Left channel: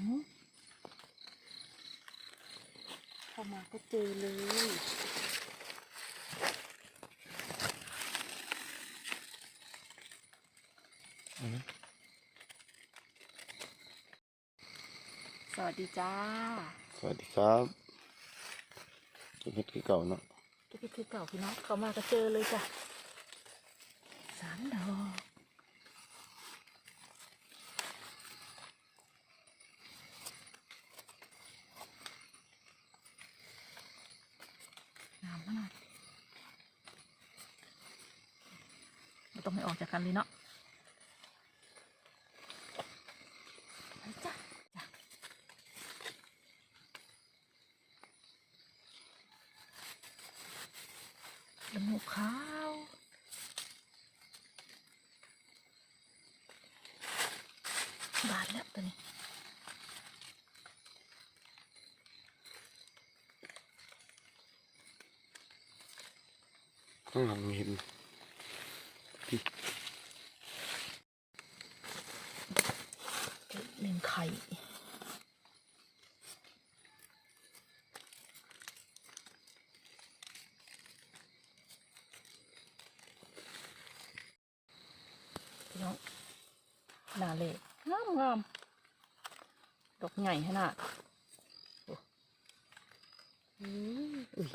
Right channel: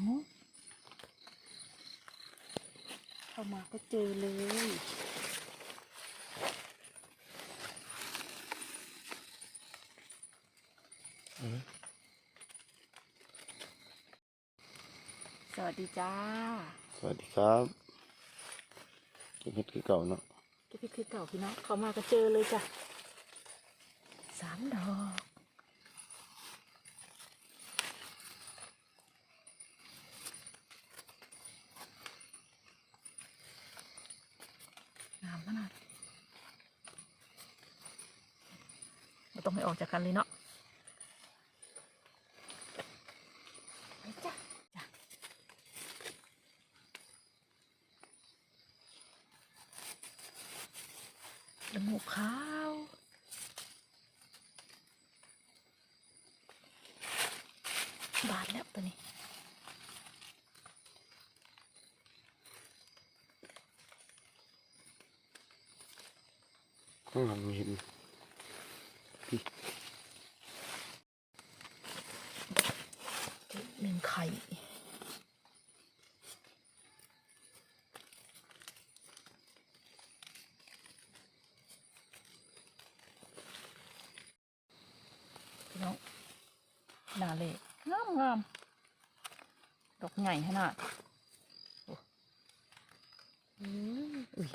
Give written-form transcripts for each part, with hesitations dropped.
เข้ามาก็เจอเลยสวัสดีจ้าสวัสดีครับเก็บเห็ดคือเก่าเนาะเก็บเห็ดคือเก่าพี่น้องเข้ามาก็เจอเลยจ้ะ3 ดอกงามขนาดไม่ต้องให้ออกจากกันเลยเนาะไปจ้ะจมูกขาวบานแล้วตัวนี้ข้างหลังมีเห็นพี่1 ไข่พี่น้องมาเลยงามงามดอกใหญ่ขนาดอุ้ย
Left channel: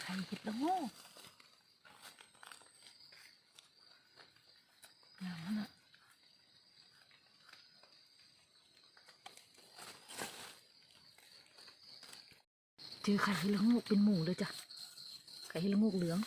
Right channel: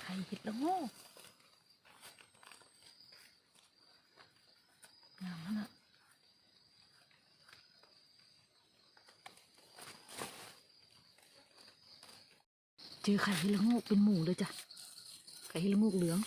ไข่เห็ดละโง่งามขนาดเจอไข่เห็ดละโง่เป็นหมู่เลยจ้ะไข่เห็ดละโง่เหลือง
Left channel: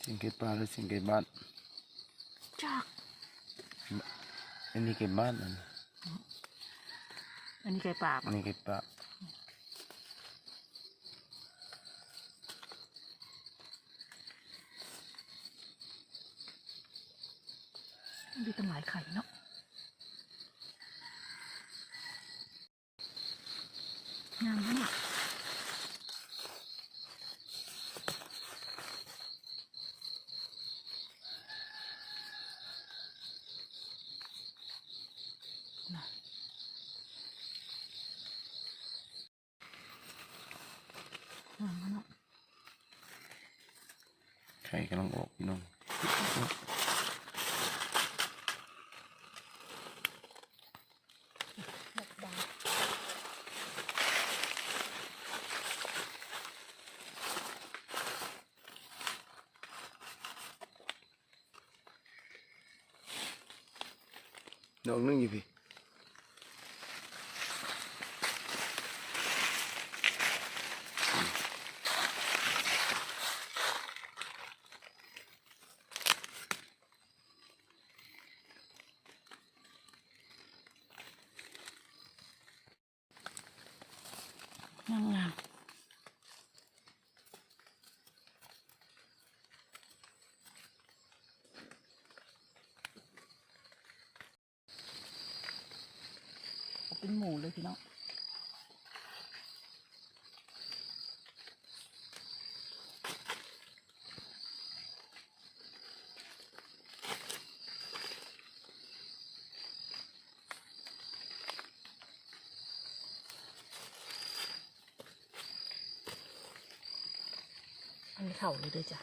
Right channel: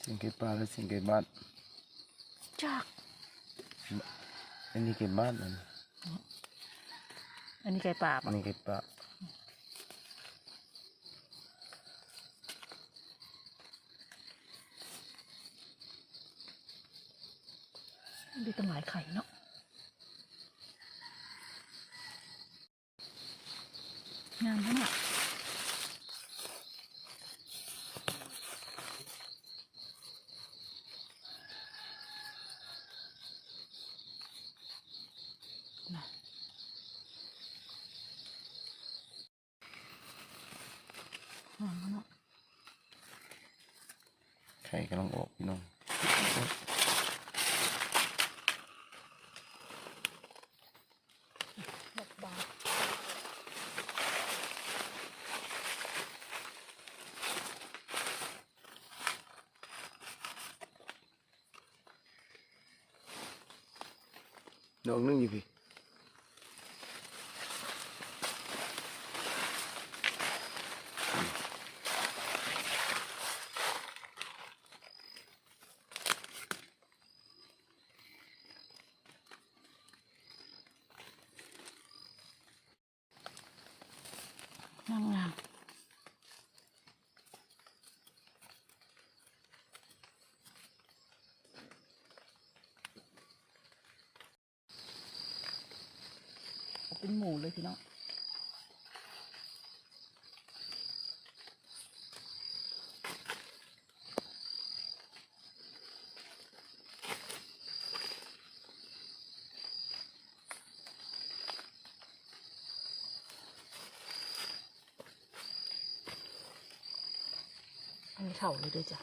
เสียงเก็บปลาและเสียงเก็บบ้านจากอันนี้เก็บบ้านอันนี้ไก่ป่า อันนี้เก็บปลาดูเป็นหลายไข่เนาะงามมากงามมาก ไข่กำลังออกพี่น้องดอกบานดอกนึงอยู่พี่งามงามเป็นหมูเลยพี่น้องอันนี้เข่าเลยด้วยจ้ะ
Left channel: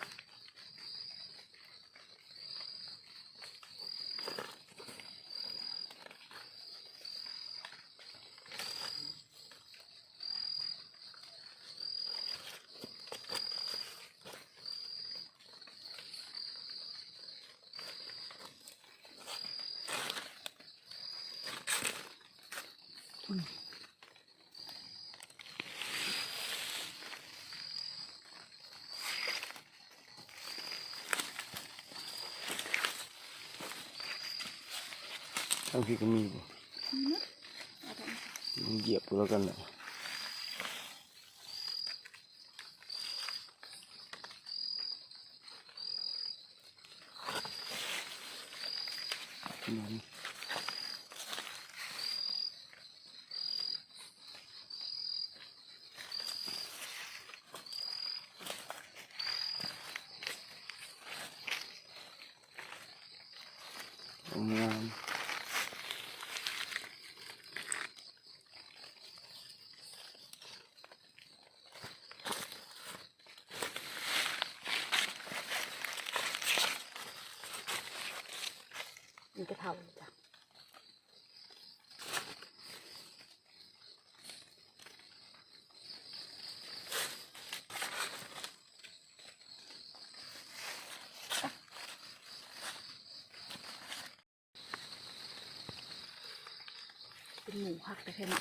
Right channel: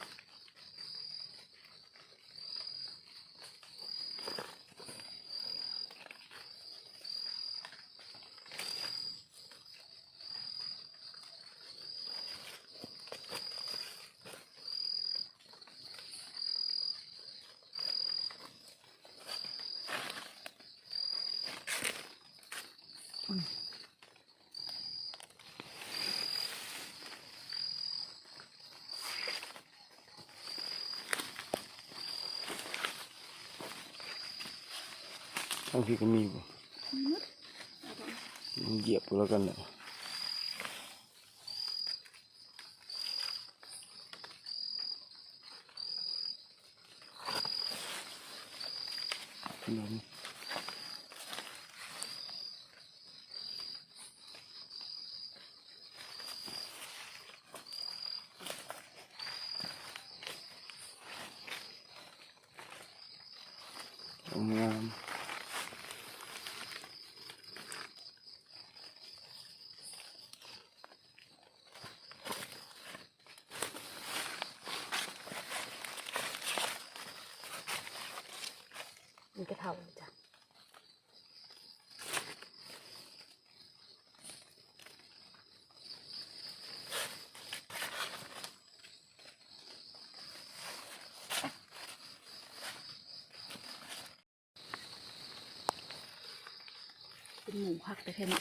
ทั้งพี่ก็มีบ่เหยียบแล้วกันแหละ หนุนงาม มันจะเท่าจ้ะเป็นหมูหักแต่แค่นี้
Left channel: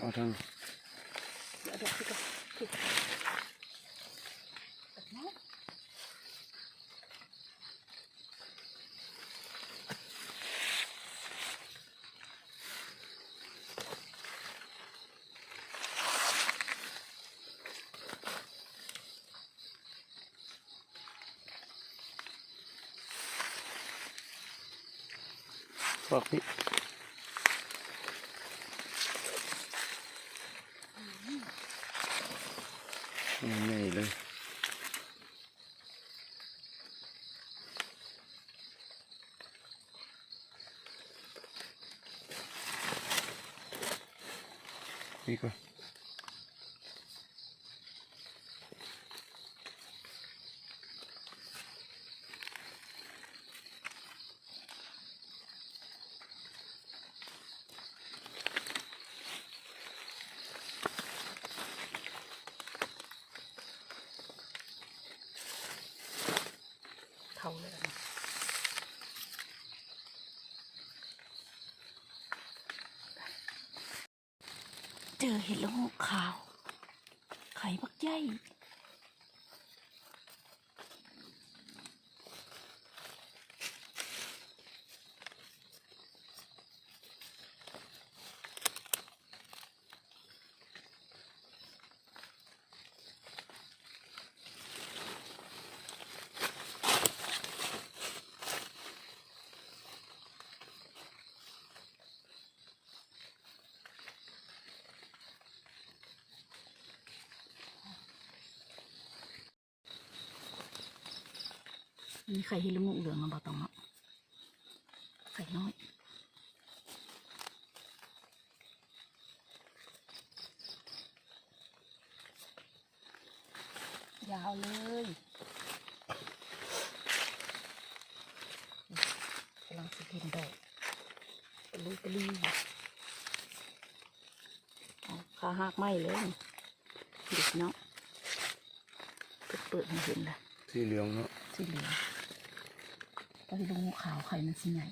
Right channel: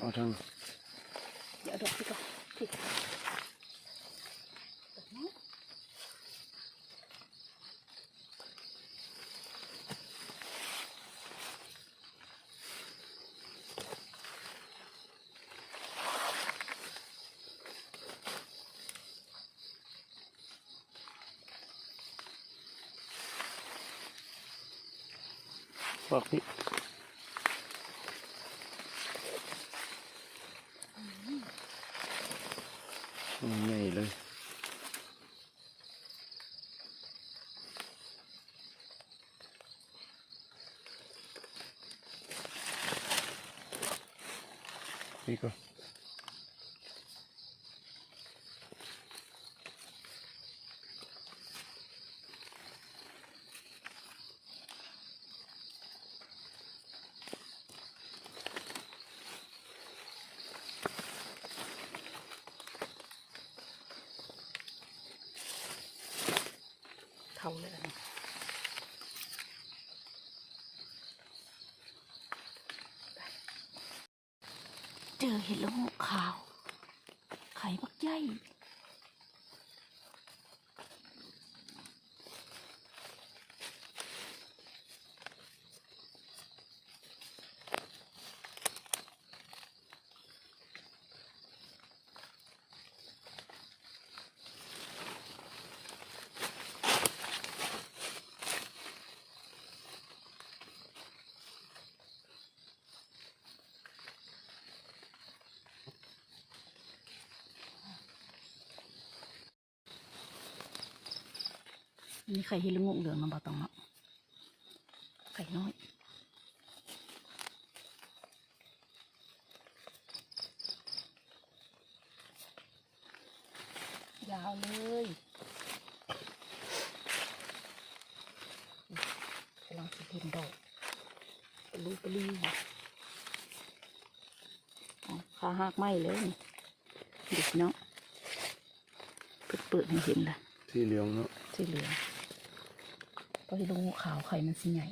เอาทาง เดี๋ยวพี่ก็พี่แบบนี้ฝากพี่ใหญ่เลยนี่ก็เท่าเลยนะเจอเห็ดละโงกขาวไข่บักใหญ่มีไข่เห็ดละโงกเหลืองมาบอกตรงเนาะไข่น้อยยาวเลยกำลังสิเห็นดอกปลุปลีขาหักไหมเลยเด็กเนาะเปิดให้เห็นเลย ที่เหลืองเนาะ สีเหลืองก็ที่ลูกขาวไข่มันสีใหญ่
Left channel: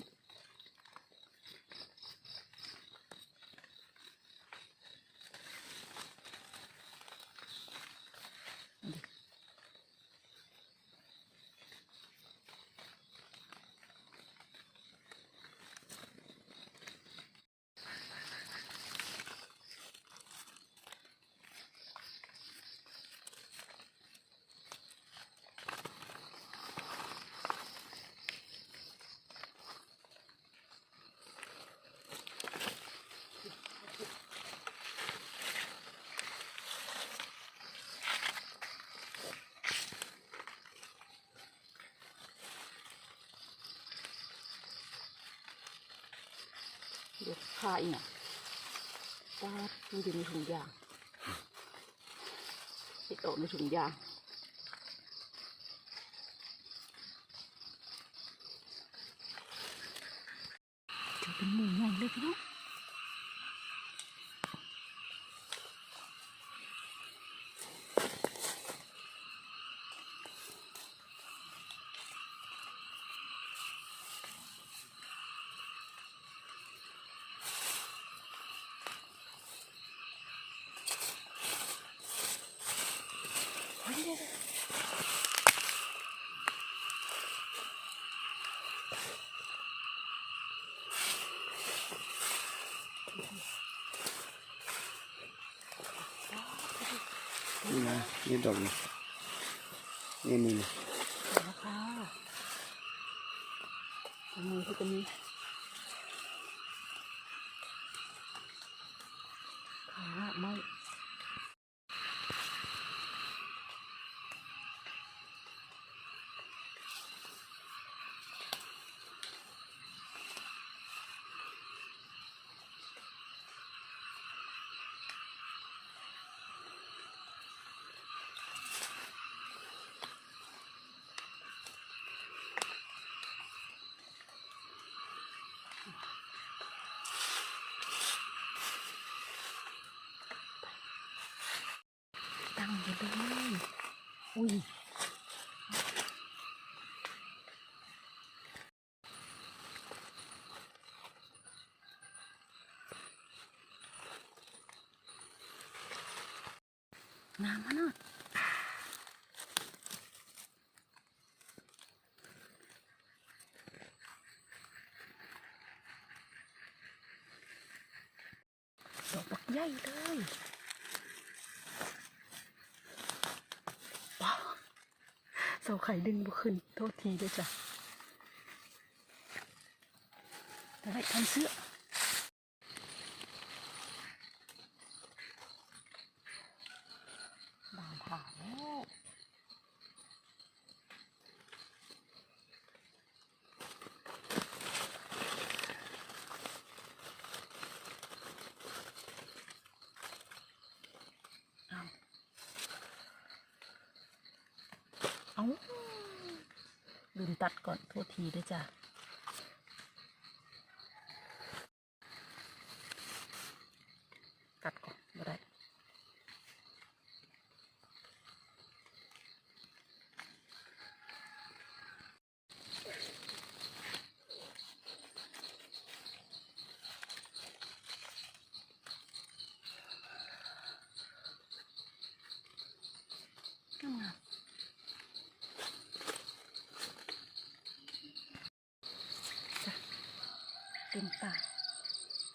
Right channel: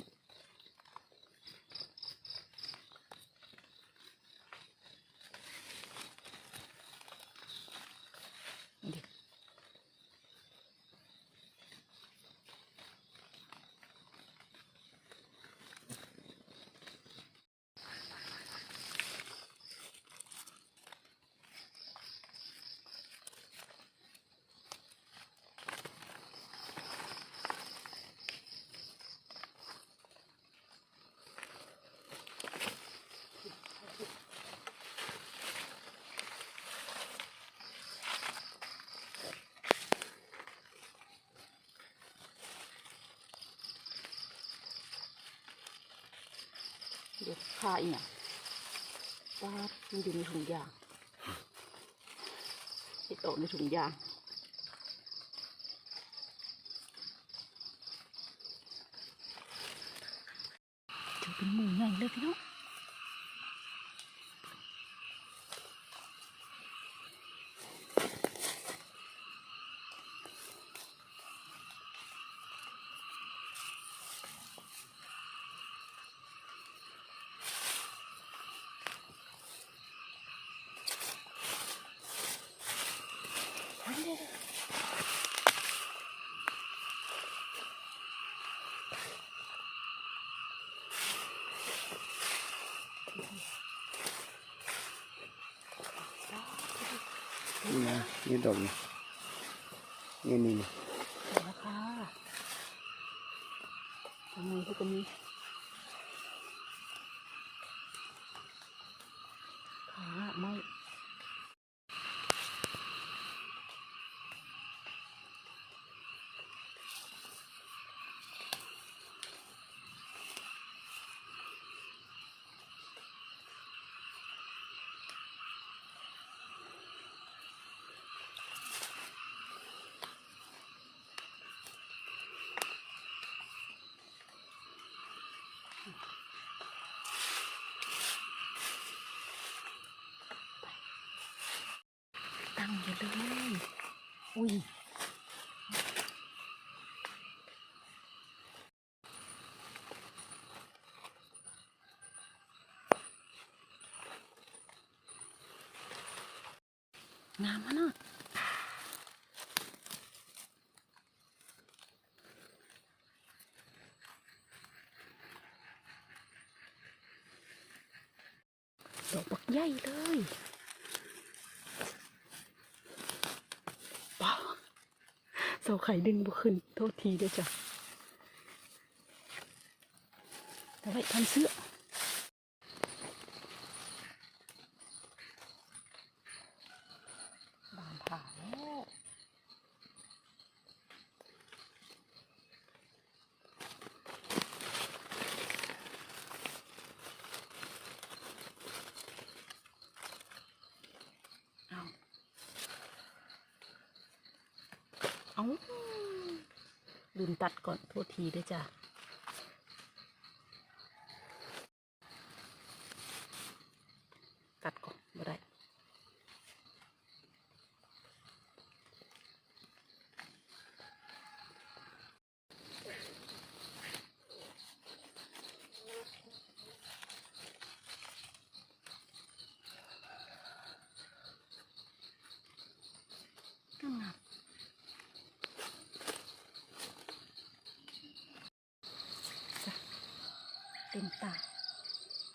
ดิ เดี๋ยวฆ่าอีกอ่ะป้ามันอยู่ในถุงยางเห็ดออกในถุงยางจะเป็นหมูใหญ่เลยพี่น้อง นี่นะนี่ดอกนี่นี่นี่ เดี๋ยวนะคะทำไมเขาจะมีขาไม่ ตั้งอยู่เลยอุ้ยงามนะเนาะดอกบักใหญ่เลยเปล่าเสาไข่ดึงบุขึ้นโทษทีด้วยจ้ะอะไรทำเสื้อบานผ่าแล้วเอาลืมตัดก่อนโทษทีด้วยจ้ะตัดก่อนบ่ได้งามจ้ะเต็มตา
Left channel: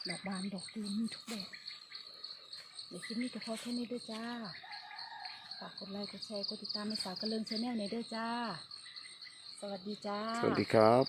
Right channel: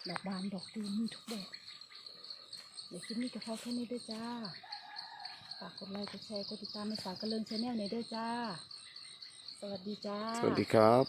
ดอกบานดอกตูมมีทุกแบบเดี๋ยวคลิปนี้ก็พอแค่นี้ด้วยจ้าฝากกดไลค์กดแชร์กดติดตามในฝากกระเลิงชาแนลในด้วยจ้าสวัสดีจ้า สวัสดีครับ